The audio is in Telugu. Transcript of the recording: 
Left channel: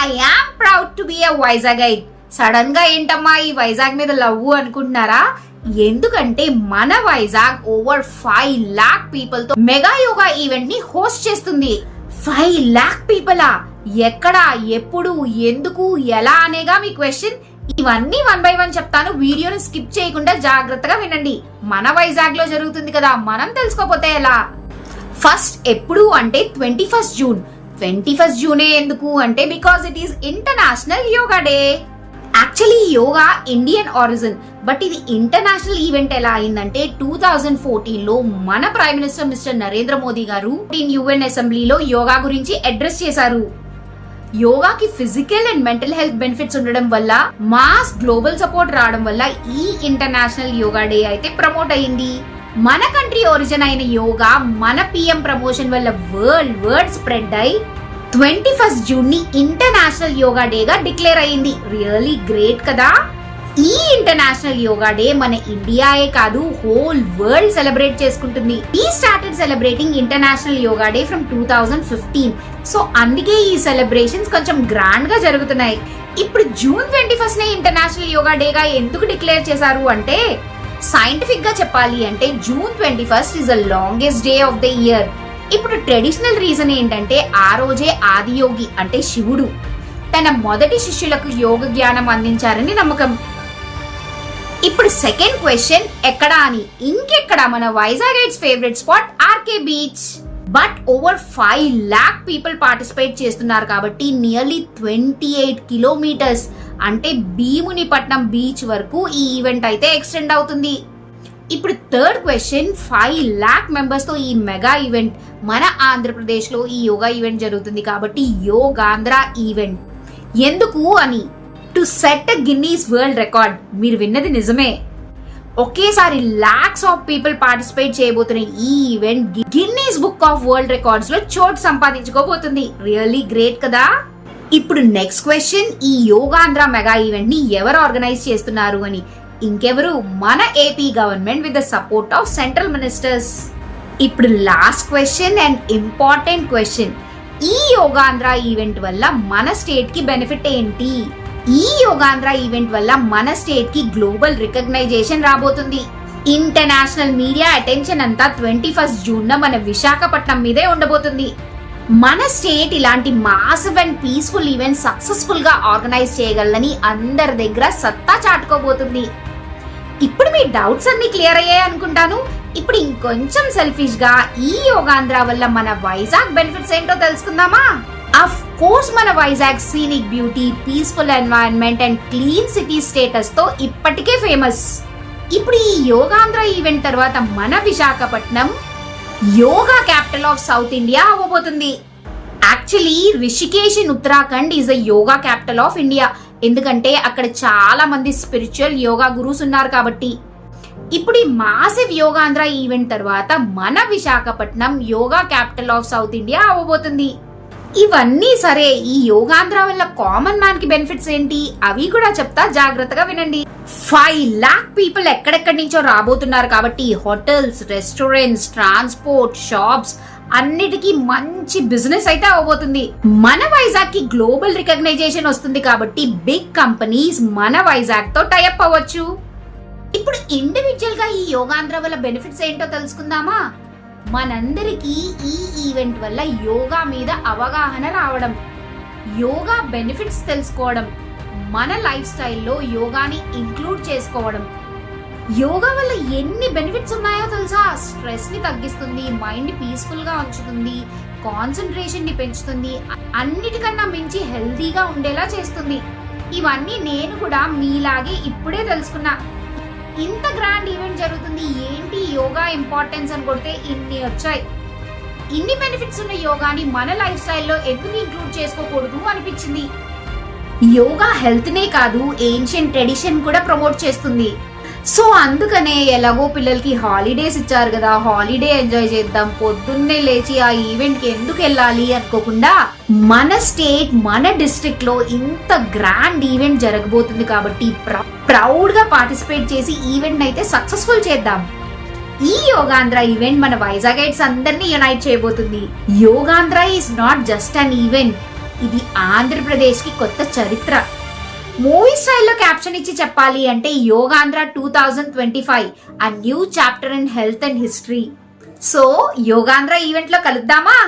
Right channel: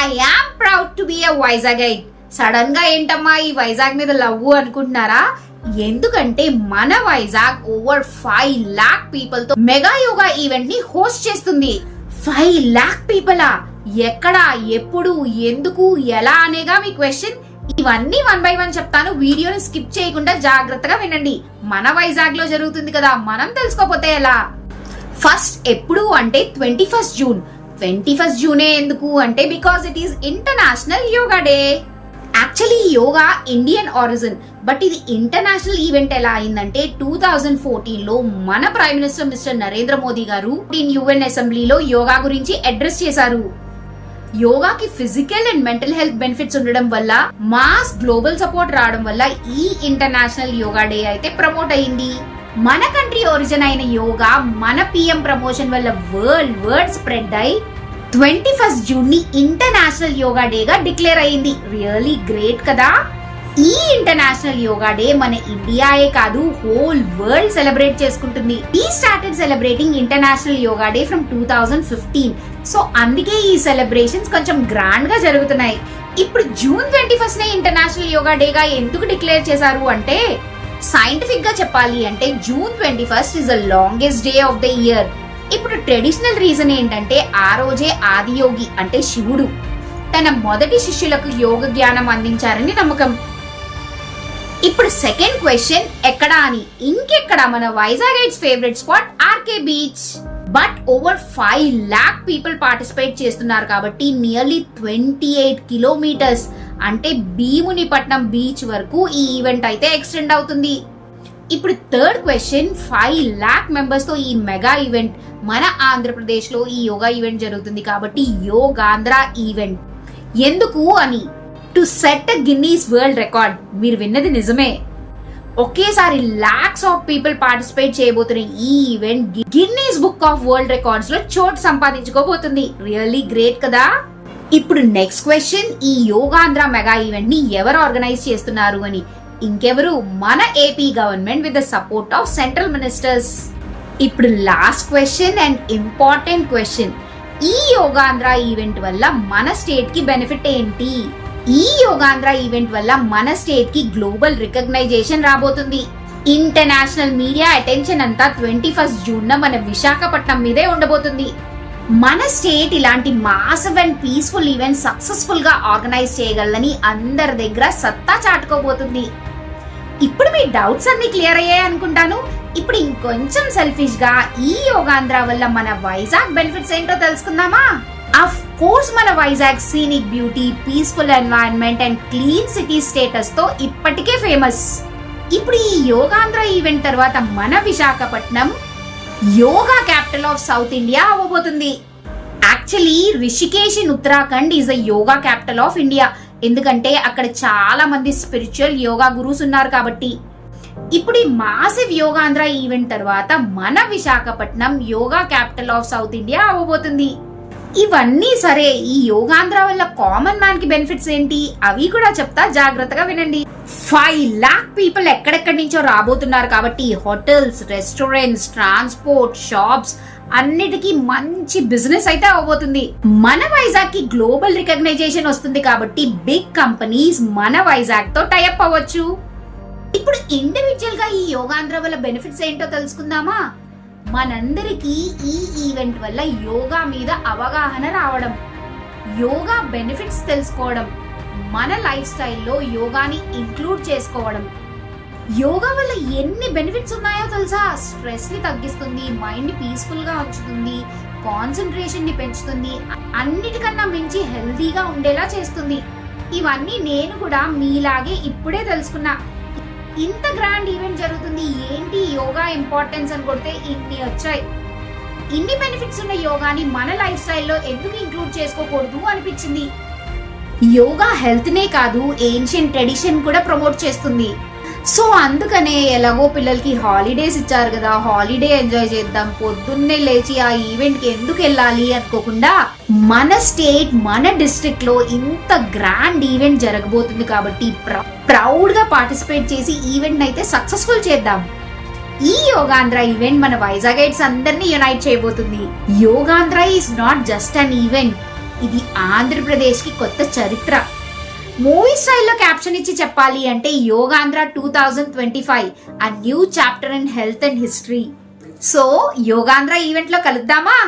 I am proud to be a Vizagite. Sudden గా ఏంటమ్మా ఈ వైజాగ్ మీద లవ్ అనుకుంటున్నారా? ఎందుకంటే మన వైజాగ్ ఓవర్ 5 lakh పీపుల్ తో మెగా యోగా ఈవెంట్ ని హోస్ట్ చేస్తుంది. 5 lakh పీపులా? ఎక్కడ, ఎప్పుడు, ఎందుకు, ఎలా అనేగా మీ క్వశ్చన్. ఇవన్నీ 1 by 1 చెప్తాను. వీడియోని స్కిప్ చేయకుండా జాగ్రత్తగా వినండి. మన వైజాగ్ లో జరుగుతుంది కదా, మనం తెలుసుకోపోతే ఎలా? ఫస్ట్ ఎప్పుడు అంటే 21st జూన్. 21st జూనే ఎందుకు అంటే because it is international yoga day. Actually yoga Indian origin, but ఇది ఇంటర్నేషనల్ ఈవెంట్ ఎలా అయిందంటే 2014 లో మన prime minister mister Narendra Modi గారు UN అసెంబ్లీలో యోగా గురించి అడ్రస్ చేశారు. యోగాకి physical and mental health benefits ఉండడం వల్ల, మాస్ గ్లోబల్ సపోర్ట్ రావడం వల్ల ఈ ఇంటర్నేషనల్ యోగా డే అయితే ప్రమోట్ అయింది. మన కంట్రీ ఒరిజిన్ అయిన యోగా మన PM ప్రమోషన్ వల్ల వరల్డ్ స్ప్రెడ్ అయి 21st జూన్ ని ఇంటర్నేషనల్ యోగా డే గా డిక్లేర్ అయింది. రియల్లీ గ్రేట్ కదా. ఈ ఇంటర్నేషనల్ యోగా డే మన ఇండియాయే కాదు, హోల్ వరల్డ్ సెలబ్రేట్ చేసుకుంటుంది. We started celebrating international yoga day from 2015. So అందుకే ఈ సెలబ్రేషన్స్ కొంచెం గ్రాండ్ గా జరుగుతున్నాయి. ఇప్పుడు జూన్ 21st నే ఇంటర్నేషనల్ యోగా డే గా ఎందుకు డిక్లేర్ చేశారు అంటే, సైంటిఫిక్ గా చెప్పాలి అంటే June 21st is the longest day of the year. ఇప్పుడు ట్రెడిషనల్ రీజన్ ఏంటంటే ఆ రోజే ఆదియోగి అంటే శివుడు తన మొదటి శిష్యులకు యోగ జ్ఞానం అందించారని నమ్మకం. ఇప్పుడు సెకండ్ క్వశ్చన్ ఎక్కడా అని. ఇంకెక్కడ, మన Vizagites favourite spot RK beach. But over 5 lakh people participate చేస్తున్నారు కాబట్టి నియర్లీ 28 కిలోమీటర్స్ అంటే భీమునిపట్నం బీచ్ వరకు ఈ ఈవెంట్ అయితే ఎక్స్టెండ్ అవుతుంది. ఇప్పుడు థర్డ్ క్వశ్చన్, 5 lakh మెంబర్స్ తో ఈ మెగా ఈవెంట్ మన ఆంధ్రప్రదేశ్ లో ఈ యోగా ఈవెంట్ జరుగుతుంది కాబట్టి యోగాంధ్ర ఈవెంట్. ఎందుకు అని, to set Guinness world record. మీరు విన్నది నిజమే, ఒకేసారి లాక్స్ ఆఫ్ పీపుల్ పార్టిసిపేట్ చేయబోతున్న ఈ event Guinness book of world records లో చోటు సంపాదించుకోబోతుంది. రియల్లీ గ్రేట్ కదా. ఇప్పుడు నెక్స్ట్ క్వశ్చన్, ఈ యోగాంధ్ర మెగా ఈవెంట్ ని ఎవరు ఆర్గనైజ్ చేస్తున్నారు అని. ఇంకెవరు, మన AP government with the support of central ministers. ఇప్పుడు last question and important question, ఈ యోగాంధ్ర ఈవెంట్ వల్ల మన స్టేట్ కి బెనిఫిట్ ఏంటి? ఈ యోగాంధ్ర ఈవెంట్ వల్ల మన స్టేట్ కి గ్లోబల్ రికగ్నైజేషన్ రాబోతుంది. ఇంటర్నేషనల్ మీడియా అటెన్షన్ అంతా 21st జూన్ మన విశాఖపట్నం మీదే ఉండబోతుంది. మన స్టేట్ ఇలాంటి massive and peaceful event successful గా ఆర్గనైజ్ చేయగలని అందరి దగ్గర సత్తా చాటుకోబోతుంది. ఇప్పుడు మీ డౌట్స్ అన్ని క్లియర్ అయ్యాయి అనుకుంటాను. ఇప్పుడు ఇంకొంచెం సెల్ఫిష్ గా ఈ యోగాంధ్ర వల్ల మన వైజాగ్ బెనిఫిట్స్ ఏంటో తెలుసుకుందామా? అఫ్ కోర్స్ మన Vizag scenic beauty, peaceful environment and clean city status తో ఇప్పటికే ఫేమస్. ఇప్పుడు ఈ యోగాంధ్ర ఈవెంట్ తర్వాత మన Visakhapatnam yoga capital of south India అవ్వబోతుంది. Actually Rishikesh in Uttarakhand is the yoga capital of India. ఎందుకంటే అక్కడ చాలా మంది స్పిరిచువల్ యోగా గురూస్ ఉన్నారు కాబట్టి. ఇప్పుడు ఈ మాసివ్ యోగాంధ్ర ఈవెంట్ తర్వాత మన Visakhapatnam yoga capital of south India అవ్వబోతుంది. ఇవన్నీ సరే, ఈ యోగాంధ్ర వల్ల కామన్ మ్యాన్ కి బెనిఫిట్స్ ఏంటి అవి కూడా చెప్తా, జాగ్రత్తగా వినండి. 5 lakh పీపుల్ ఎక్కడెక్కడి నుంచో రాబోతున్నారు కాబట్టి హోటల్స్, రెస్టారెంట్స్, ట్రాన్స్పోర్ట్, షాప్స్ అన్నిటికీ మంచి బిజినెస్ అయితే అవబోతుంది. మన వైజాగ్ కి గ్లోబల్ రికగ్నైజేషన్ వస్తుంది కాబట్టి బిగ్ కంపెనీస్ మన వైజాగ్ తో టైఅప్ అవ్వచ్చు. ఇప్పుడు ఇండివిజువల్ గా ఈ యోగాంధ్ర వల్ల బెనిఫిట్స్ ఏంటో తెలుసుకుందామా? మనందరికీ ఈ ఈవెంట్ వల్ల యోగా మీద అవగాహన రావడం, యోగా బెనిఫిట్స్ తెలుసుకోవడం, మన లైఫ్ స్టైల్లో యోగాని ఇంక్లూడ్ చేసుకోవడం. యోగా వల్ల ఎన్ని బెనిఫిట్స్ ఉన్నాయో తెలుసా? స్ట్రెస్ ని తగ్గిస్తుంది, మైండ్ పీస్ఫుల్ గా ఉంచుతుంది, కాన్సన్ట్రేషన్ ని పెంచుతుంది, అన్నిటికన్నా మించి హెల్దీగా ఉండేలా చేస్తుంది. ఇవన్నీ నేను కూడా మీలాగే ఇప్పుడే తెలుసుకున్నా. ఇంత గ్రాండ్ ఈవెంట్ జరుగుతుంది, ఏంటి యోగా ఇంపార్టెన్స్ అని కొడితే ఇన్ని వచ్చాయి. ఇన్ని బెనిఫిట్స్ ఉన్న యోగాని మన లైఫ్ స్టైల్లో ఎందుకు ఇంక్లూడ్ చేసుకోకూడదు అనిపించింది. యోగా హెల్త్ నే కాదు, ఏన్షియంట్ ట్రెడిషన్ కూడా ప్రమోట్ చేస్తుంది. సో అందుకనే ఎలాగో పిల్లలకి హాలిడేస్ ఇచ్చారు కదా, హాలిడే ఎంజాయ్ చేద్దాం, పొద్దున్నే లేచి ఆ ఈవెంట్ కి ఎందుకు వెళ్ళాలి అనుకోకుండా మన స్టేట్, మన డిస్ట్రిక్ట్ లో ఇంత గ్రాండ్ ఈవెంట్ జరగబోతుంది కాబట్టి ప్రౌడ్ గా పార్టిసిపేట్ చేసి ఈవెంట్ అయితే సక్సెస్ఫుల్ చేద్దాం. ఈ యోగాంధ్ర ఈవెంట్ మన వైజాగైట్స్ అందరినీ యునైట్ చేయబోతుంది. Yogandhra is not just an event, ఇది ఆంధ్రప్రదేశ్ కి కొత్త చరిత్ర. మూవీ స్టైల్లో క్యాప్షన్ ఇచ్చి చెప్పాలి అంటే Yogandhra 2025 a new chapter in health and history. So Yogandhra event లో కలుద్దామా?